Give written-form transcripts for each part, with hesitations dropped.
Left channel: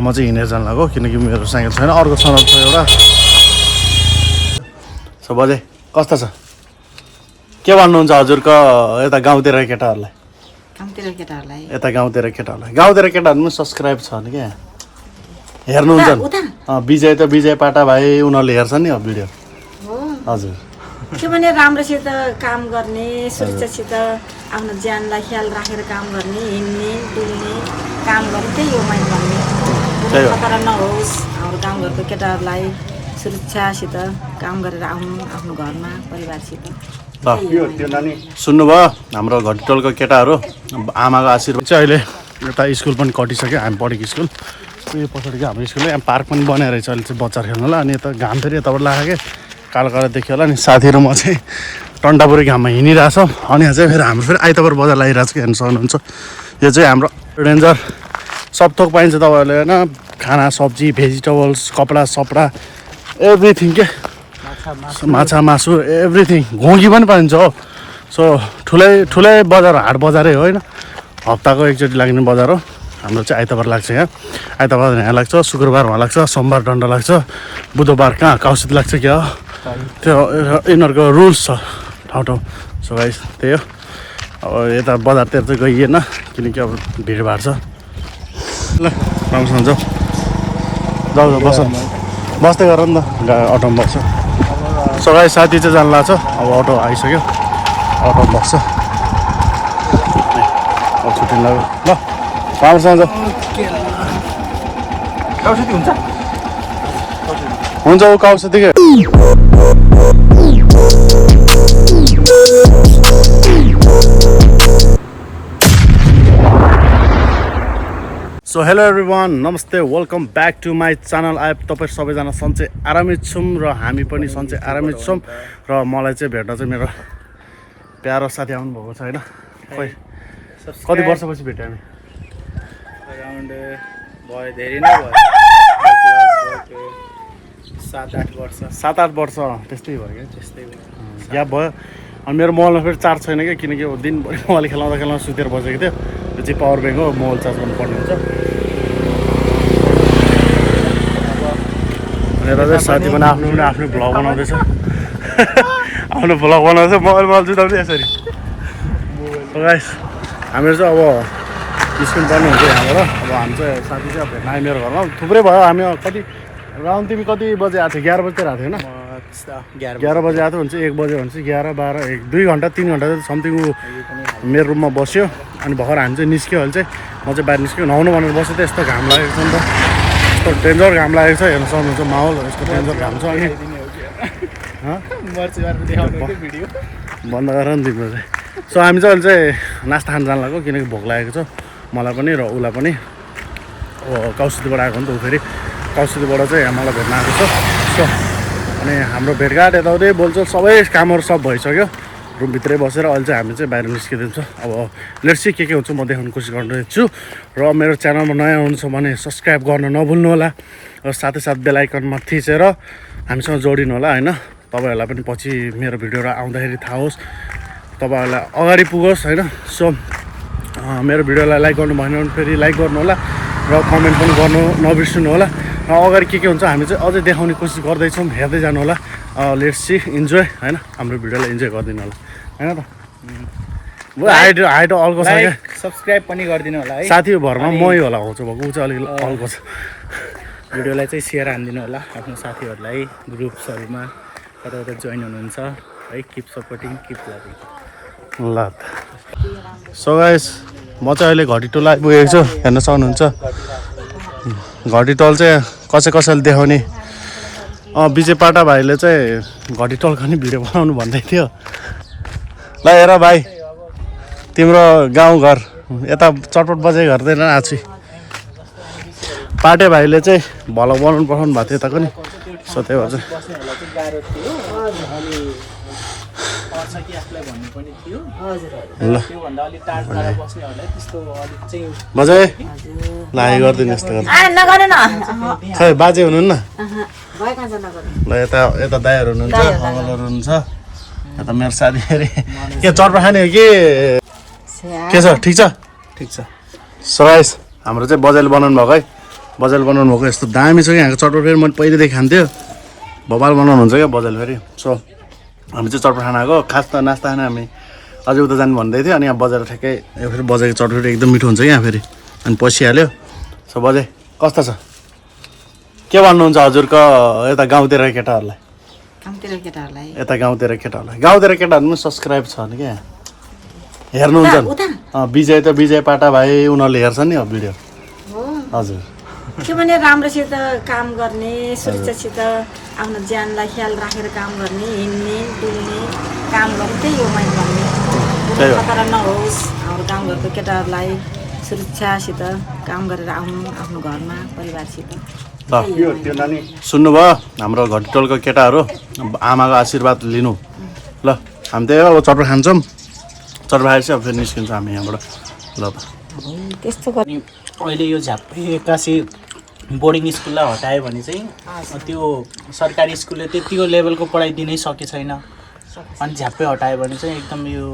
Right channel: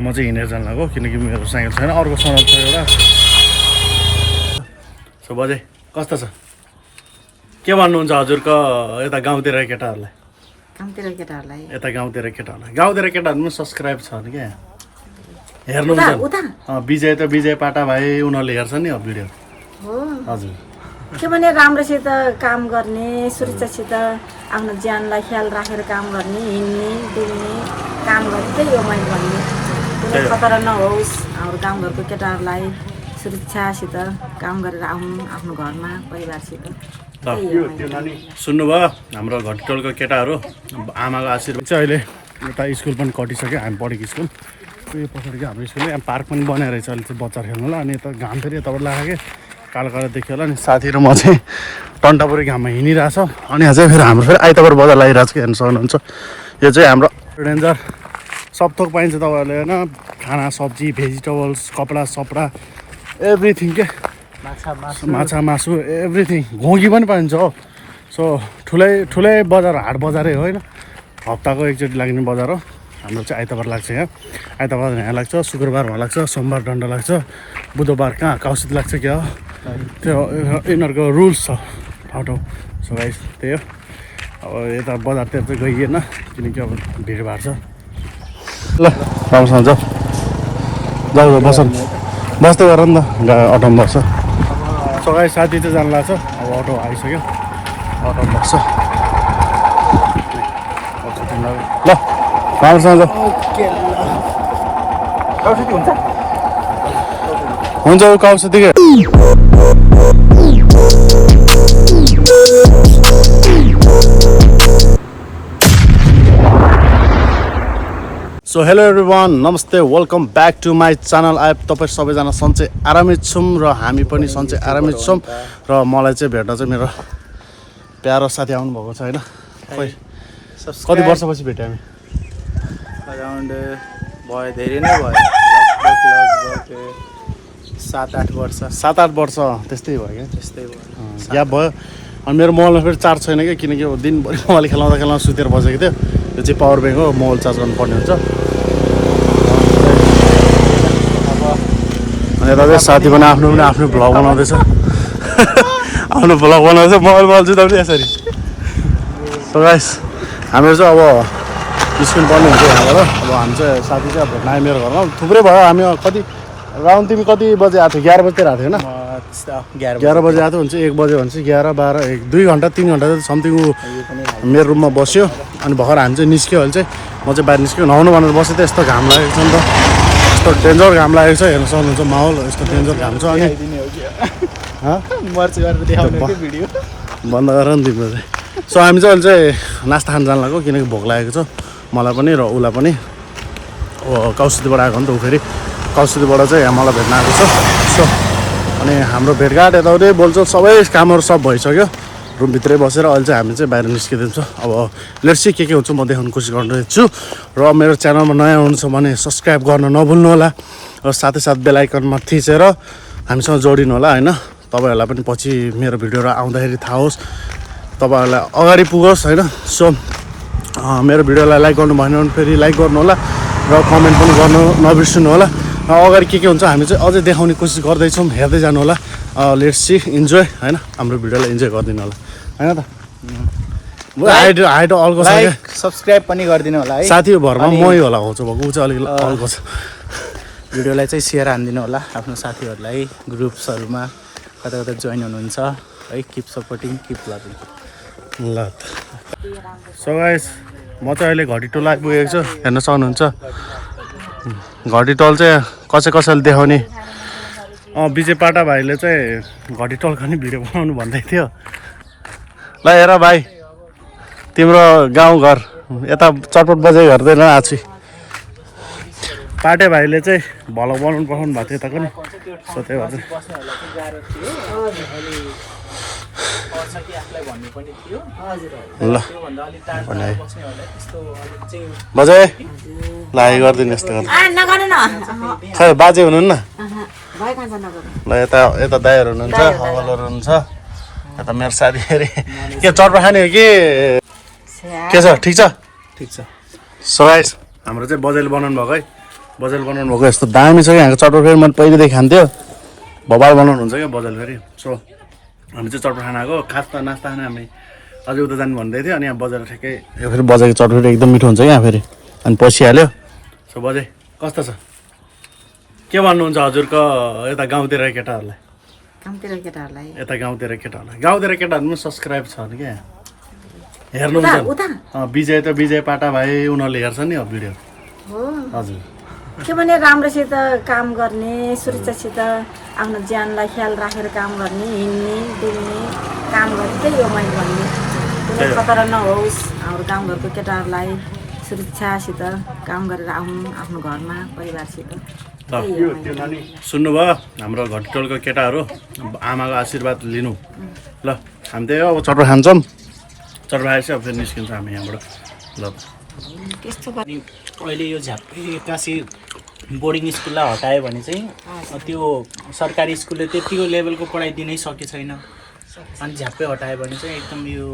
म चाहिँ हिँडेर जान लाग्यो किनकि मेरो साइकल छैन अर्को सडक छ एउटा सो बजे कस्तो छ के भन्नुहुन्छ हजुरको यता गाउँतिर केटाहरूलाई यता गाउँतिर केटाहरू पनि सब्सक्राइब छ नि क्या हेर्नुहुन्छ विजय त विजय पाटा भाइ उनीहरूले हेर्छ नि अब भिडियो हजुर के भने राम्रोसित काम गर्ने सुरक्षासित आफ्नो ज्यानलाई ख्याल राखेर काम गर्ने हिँड्ने डुल्ने काम गर्ने त्यही हो मैले भन्ने खतरा नहोस् हाम्रो गाउँघरको केटाहरूलाई सुरक्षासित काम गरेर आउनु आफ्नो घरमा परिवारसित सुन्नुभयो हाम्रो घटिटोलको केटाहरू आमाको आशीर्वाद चाहिँ अहिले यता स्कुल पनि कटिसक्यो हामी पढेको स्कुल यो पछाडिको हाम्रो स्कुल यहाँ पार्क पनि बनाएर रहेछ अहिले चाहिँ बच्चा खेल्नुलाई अनि यता घाम फेरि यताबाट लाग्यो कालो कालो देखियो होला अनि साथी र म चाहिँ टन्टापुरी घाममा हिँडिरहेछ अनि यहाँ चाहिँ फेरि हाम्रो फेरि आइतबार बजार लागिरहेको छ हेर्नु सक्नुहुन्छ यो चाहिँ हाम्रो डेन्जर सब थोक पाइन्छ तपाईँहरूले होइन खाना सब्जी भेजिटेबल्स कपडा सपडा एभ्रिथिङ के माछा मासु एभ्रिथिङ घोगी पनि पाइन्छ हो सो ठुलै बजार हाट बजारै होइन हप्ताको एकचोटि लाग्ने बजार हो हाम्रो चाहिँ आइतबार लाग्छ यहाँ आइतबार यहाँ लाग्छ शुक्रबार वहाँ लाग्छ सोमबार डन्डा लाग्छ बुधबार कहाँ काउसित लाग्छ क्या त्यो यिनीहरूको रुल्स छ ठाउँ सो गाइस त्यही हो अब यता बजारतिर चाहिँ गइएन किनकि अब भिडभाड छ ल राम्रोसँग जाऊ बस बस्दै गर नि त अटोमा बस्छ सो गाइस साथी चाहिँ जानु लाग्छ अब अटो आइसक्यो अटो बस्छ अब छुट्टिनु लाग्यो ल राम्रोसँग हुन्छ काउसितिकै सो हेलो एभ्रिवान नमस्ते welcome back to my channel आई तपाईँ सबैजना सन्चै आरामै छौँ र हामी पनि सन्चै आरामै छौँ र मलाई चाहिँ भेट्न चाहिँ मेरो प्यारो साथी आउनुभएको छ होइन खोइ कति वर्षपछि भेट्यो हामी अराउन्ड भयो धेरै नै भयो लगभग 7-8 वर्ष त्यस्तै भयो क्या त्यस्तै भयो ग्याप भयो अनि मेरो मोबाइलमा फेरि चार्ज छैन क्या किनकि अब दिनभरि मोबाइल खेलाउँदा सुतेर बसेको थियो त्यो चाहिँ पावर ब्याङ्क हो मोबाइल चार्ज गर्नुपर्ने हुन्छ अनि यता चाहिँ साथी पनि आफ्नो भ्लग बनाउँदैछ आफ्नो भ्लग बनाउँदैछ मोबाइल जुदाउने यसरी सो गाइस हामीहरू चाहिँ अब स्कुल पढ्ने हुन्छ यहाँबाट अब हामी चाहिँ साथी चाहिँ अब भेट्न आयो मेरो घरमा थुप्रै भयो हामी कति राउन्ड तिमी कति बजे आएको थियो 11 बजीतिर आएको थियो होइन 11 बजे आएको हुन्छ 1 बजे भन्छ 11, 12, 1, 2 घन्टा 3 घन्टा चाहिँ समथिङ ऊ मेरो रुममा बस्यो अनि भर्खर हामी चाहिँ निस्क्यो अहिले चाहिँ म चाहिँ बाहिर निस्क्यो नुहाउनु भनेर बसेँ त यस्तो घाम लागेको छ नि त यस्तो डेन्जर घाम लागेको छ हेर्नु सक्नुहुन्छ माहौल यस्तो डेन्जर घाम छ अनि बन्द गर नि तिम्रो चाहिँ सो हामी चाहिँ अहिले चाहिँ नास्ता खान जानु लाग्यो किनकि भोक लागेको छ मलाई पनि र उसलाई पनि कौसितीबाट आएको नि त ऊ फेरि कौसितीबाट चाहिँ यहाँ मलाई भेट्न आएको छ सो अनि हाम्रो भेटघाट यताउति बोल्छौँ सबै कामहरू सब भइसक्यो रुमभित्रै बसेर अहिले चाहिँ हामी चाहिँ बाहिर निस्किदिन्छौँ अब लेट्स सी के हुन्छ म देखाउनु कोसिस गरिरहेको छु र मेरो च्यानलमा नयाँ हुनुहुन्छ भने सब्सक्राइब गर्न नभुल्नु होला र साथै साथ बेल आइकनमा थिचेर हामीसँग जोडिनु होला होइन तपाईँहरूलाई पनि पछि मेरो भिडियोहरू आउँदाखेरि थाहा होस् तपाईँहरूलाई अगाडि पुगोस् होइन सो मेरो भिडियोलाई लाइक गर्नु भएन भने फेरि लाइक गर्नु होला र कमेन्ट पनि गर्नु नबिर्सिनु होला अगाडि के हुन्छ हामी चाहिँ अझै देखाउने कोसिस गर्दैछौँ हेर्दै जानु होला लेट्स सी इन्जोय होइन हाम्रो भिडियोलाई इन्जोय गरिदिनु होला होइन त हाइट अल्को छ क्या सब्सक्राइब पनि गरिदिनु होला है साथी भरमा मै होला आउँछु भएको ऊ चाहिँ अलिकति अल्को छ भिडियोलाई चाहिँ सेयर हानिदिनु होला आफ्नो साथीहरूलाई ग्रुप्सहरूमा कता कता जोइन हुनुहुन्छ है किप सपोर्टिङ किप लभिङ ल त सो गाइस म चाहिँ अहिले घटिटोल आइपुगेको छु हेर्न सक्नुहुन्छ घटिटोल चाहिँ कसैले देखाउने विजय पाटा भाइले चाहिँ घटिटोलको नि भिडियो बनाउनु भन्दै थियो ल हेर भाइ तिम्रो गाउँघर यता चटपट बजाइ गर्दैन आछु पाटे भाइले चाहिँ भ्लग बनाउनु पठाउनु भएको थियो यताको नि सो त्यही भएर ल बजाए लागि गरिदिनु यस्तो गर्दा खै बाजे हुनुहुन्न ल यता दाइहरू हुनुहुन्छ अङ्कलहरू हुनुहुन्छ यता मेरो साथी अरे के चटपट खाने हो के छ ठिक छ ठिक छ सो गाइस हाम्रो चाहिँ बजाइले बनाउनु भएको है बजाल बनाउनु भएको यस्तो दामी छ क्या यहाँको चटपट फेरि मैले पहिलेदेखि खान्थ्यो बबाल बनाउनुहुन्छ क्या बजाल फेरि सो हामी चाहिँ चटपट खाना आएको खास त नास्ता खाना हामी अझै उता जानु भन्दै थियो अनि यहाँ बजार ठ्याक्कै यो फेरि बजारको चटपट एकदम मिठो हुन्छ यहाँ फेरि अनि पसिहाल्यो सो बजे कस्तो छ के भन्नुहुन्छ हजुरको यता गाउँतिर केटाहरूलाई कामतिर केटाहरूलाई यता गाउँतिर केटाहरू पनि सब्सक्राइब छ नि क्या हेर्नुहुन्छ विजय पाटा भाइ उनीहरूले हेर्छ नि अब भिडियो हो हजुर के भने राम्रोसित काम गर्ने सुरक्षासित आफ्नो ज्यानलाई ख्याल राखेर काम गर्ने हिँड्ने डुल्ने काम गर्ने त्यही हो मैले भन्ने कुनै खतरा नहोस् हाम्रो गाउँघरको केटाहरूलाई सुरक्षासित काम गरेर आउनु आफ्नो घरमा परिवारसित सुन्नुभयो हाम्रो घटिटोलको केटाहरू आमाको आशीर्वाद लिनु ल हामी त्यही हो अब चटपट खान्छौँ चटपट खाएपछि अब फेरि निस्किन्छौँ हामी यहाँबाट ल त त्यस्तो अनि अहिले यो झापी एक्कासी बोर्डिङ स्कुललाई हटायो भने चाहिँ त्यो सरकारी स्कुलले त्यतिको लेभलको पढाइ दिनै सके छैन अनि झ्याप्पै हटायो भने चाहिँ एकदम यो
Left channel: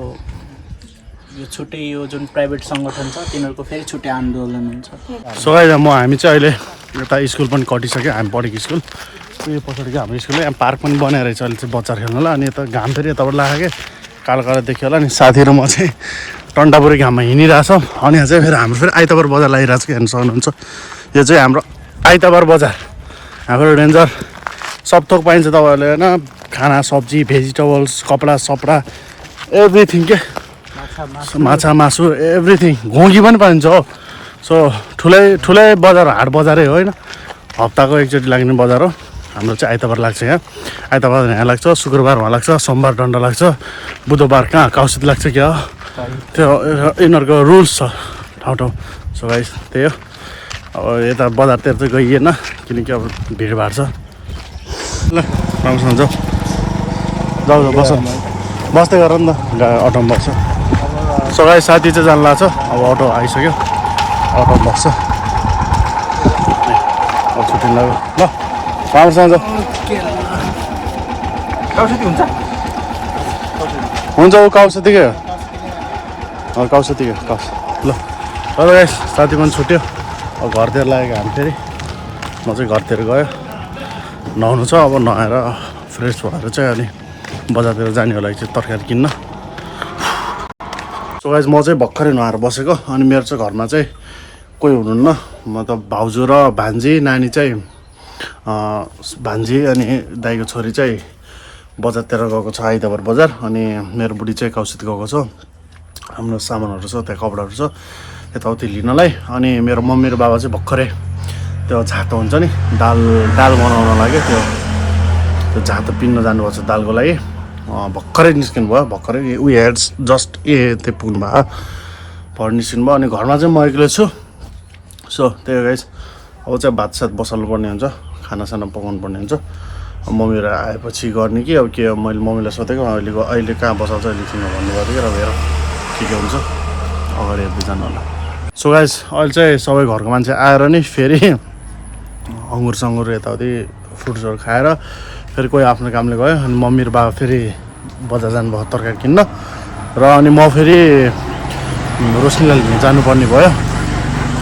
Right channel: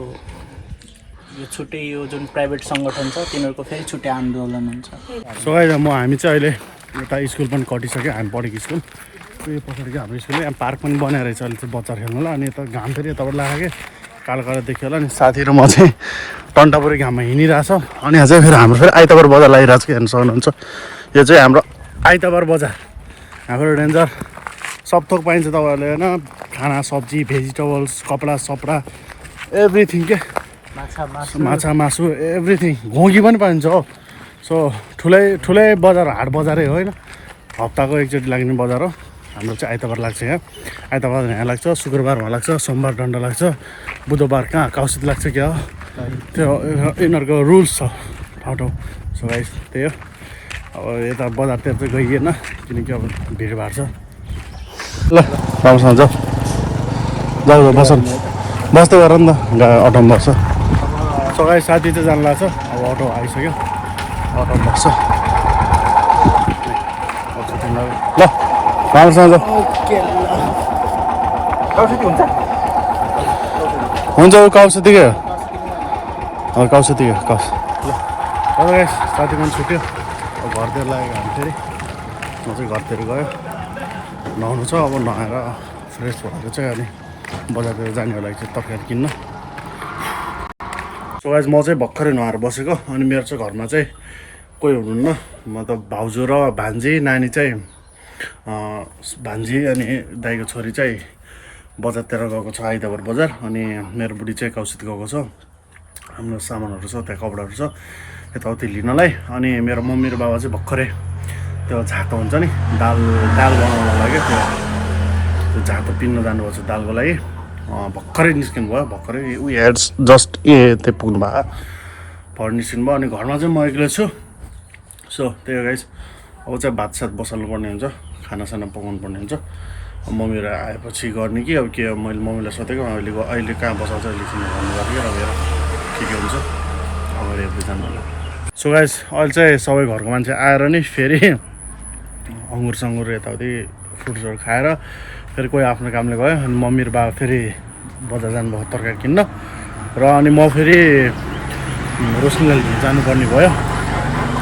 छुट्टै यो जुन प्राइभेट सङ्गठन छ तिनीहरूको फेरि छुट्टै आन्दोलन हुन्छ सो हामी चाहिँ अहिले यता स्कुल पनि कटिसक्यो हामी पढेको स्कुल यो पछाडिको हाम्रो स्कुल यहाँ पार्क पनि बनाएर रहेछ अहिले चाहिँ बच्चा खेल्नुलाई अनि यता घाम फेरि यताबाट लाग्यो कालो कालो देखियो होला नि साथीहरू म चाहिँ टन्टापुरी घाममा हिँडिरहेछ अनि यहाँ चाहिँ फेरि हाम्रो फेरि आइतबार बजार लागिरहेको छ हेर्नु सक्नुहुन्छ यो चाहिँ हाम्रो आइतबार बजार हाम्रो डेन्जर सब थोक पाइन्छ तपाईँहरूले होइन खाना सब्जी भेजिटेबल्स कपडा सपडा एभ्रिथिङ के माछा मासु एभ्रिथिङ घोगी पनि पाइन्छ हो सो ठुलै बजार हाट बजारै हो होइन हप्ताको एकचोटि लाग्ने बजार हो हाम्रो चाहिँ आइतबार लाग्छ यहाँ आइतबार यहाँ लाग्छ शुक्रबार वहाँ लाग्छ सोमबार डन्डा लाग्छ बुधबार कहाँ काउसित लाग्छ क्या त्यो यिनीहरूको रुल्स छ ठाउँ सो गाइस त्यही हो अब यता बजारतिर चाहिँ गइएन किनकि अब भिडभाड छ ल राम्रोसँग जाऊ बस्दै गर नि त अटोमा बस्छ सो गाइस साथी चाहिँ जानु लाग्छ अब अटो आइसक्यो अटो बस्छ छुट्टी लाग्यो ल राम्रोसँग हुन्छ अब काउसितिकै ल अब गाइस साथी पनि छुट्यो अब घरतिर लागेको हामी फेरि म चाहिँ घरतिर गयो नुहाउनु छ अब नुहाएर फ्रेस भएर चाहिँ अनि बजारतिर जाने होला चाहिँ तरकारी किन्न सो गाइस म चाहिँ भर्खरै नुहाएर बसेको अनि मेरो चाहिँ घरमा चाहिँ कोही हुनुहुन्न मतलब भाउजू र भान्जी नानी चाहिँ भान्जी अनि दाइको छोरी चाहिँ बजारतिर गएको छ आइतबार बजार अनि मेरो बुढी चाहिँ काउसित गएको छ हाम्रो सामानहरू छ त्यहाँ कपडाहरू छ यताउति लिनलाई अनि मेरो मम्मी र बाबा चाहिँ भर्खरै त्यो झातो हुन्छ नि दाल बनाउन लाग्यो त्यो झातो पिन्न जानुभएको छ दालको लागि भर्खरै निस्किनु भयो भर्खरै हेड जस्ट त्यो पुग्नु भयो भर निस्किनु भयो अनि घरमा चाहिँ म एक्लै छु सो त्यही गाइस अब चाहिँ भातसात बसाल्नु पर्ने हुन्छ खानासाना पकाउनु पर्ने हुन्छ मम्मीहरू आएपछि गर्ने कि अब के मैले मम्मीलाई सोधेको अहिले कहाँ बसाल्छ अहिले किन भन्नुभएको थियो र हेर के हुन्छ अगाडि हेर्दै जानु होला सो गाइस अहिले चाहिँ सबै घरको मान्छे आएर नि फेरि अङ्गुर सङ्गुर यताउति फ्रुट्सहरू खाएर फेरि कोही आफ्नो कामले गयो अनि मम्मी र बाबा फेरि बजार जानुभयो तरकारी किन्न र अनि म फेरि रोशनीलाई लिन जानुपर्ने भयो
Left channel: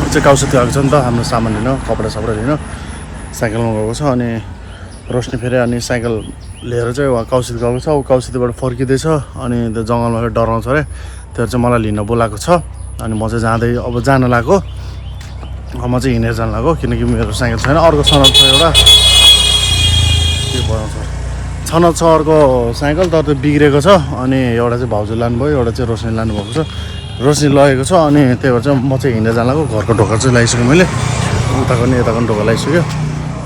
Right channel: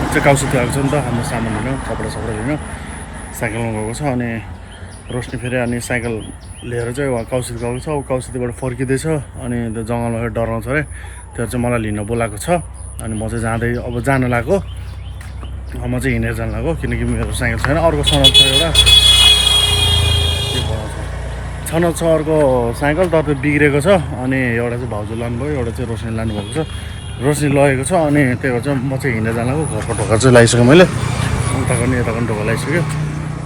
चाहिँ काउसित गएको छ नि त हाम्रो सामान लिन कपडा सपडा लिन साइकलमा गएको छ अनि रोशनी फेरि अनि साइकल लिएर चाहिँ उहाँ काउसित गएको छ ऊ काउसितबाट फर्किँदैछ अनि त्यो जङ्गलमा फेरि डराउँछ अरे त्यो चाहिँ मलाई लिन बोलाएको छ अनि म चाहिँ जाँदै अब जान लाग्यो म चाहिँ हिँडेर जान लाग्यो किनकि मेरो साइकल छैन अर्को छनक छ एउटा के बनाउँछ छनक छ अर्को साइकल तर त्यो बिग्रेको छ अनि एउटा चाहिँ भाउजू लानुभयो एउटा चाहिँ रोशनी लानुभएको छ रोशनी लगेको छ अनि त्यही भएर चाहिँ म चाहिँ हिँडेर जान लाग्यो घरको ढोका चाहिँ लगाइसक्यो मैले उताको नि यताको पनि ढोका लगाइसक्यो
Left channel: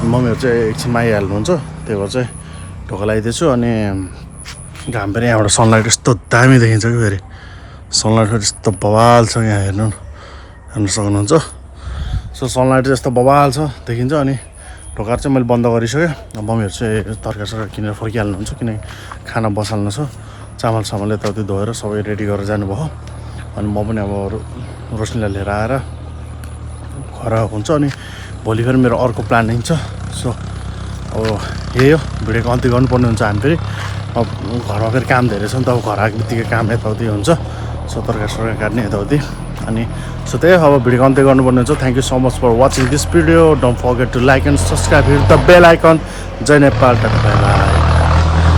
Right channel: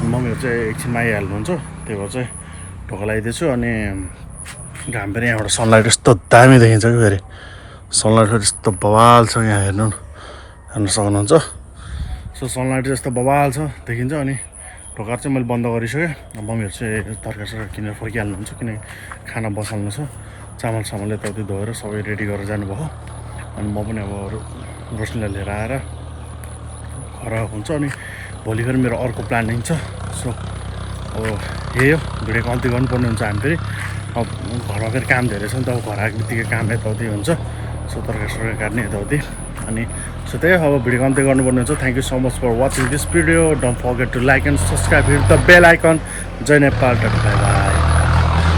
मम्मीहरू चाहिँ एकछिनमा आइहाल्नुहुन्छ त्यही भएर चाहिँ ढोका लगाइदिएछु अनि घाम फेरि यहाँबाट सनलाइट यस्तो दामी देखिन्छ कि फेरि सनलाइट फेरि यस्तो बवाल छ यहाँ हेर्नु सक्नुहुन्छ सो सनलाइट चाहिँ यस्तो बवाल छ देखिन्छ अनि ढोकाहरू चाहिँ मैले बन्द गरिसकेँ मम्मीहरू चाहिँ तरकारी सरकारी किनेर फर्किहाल्नुहुन्छ किनकि खाना बसाल्नु छ चामल सामल यताउति धोएर सबै रेडी गरेर जानुभयो अनि म पनि अब रोशनीलाई लिएर आएर घर हुन्छ अनि भोलि फेरि मेरो अर्को प्लानिङ छ सो अब यही हो भिडियो कम्ती गर्नुपर्ने हुन्छ हामी फेरि अब घरमा फेरि काम धेरै छ नि त अब घर आएको बित्तिकै काम यताउति हुन्छ सो तरकारी सरकारी काट्ने यताउति अनि सो त्यही अब भिडियो अन्त्य गर्नुपर्ने हुन्छ thank you so much for watching this video don't forget to like and subscribe hit the bell icon जय नेपाल टाटा बाई बाई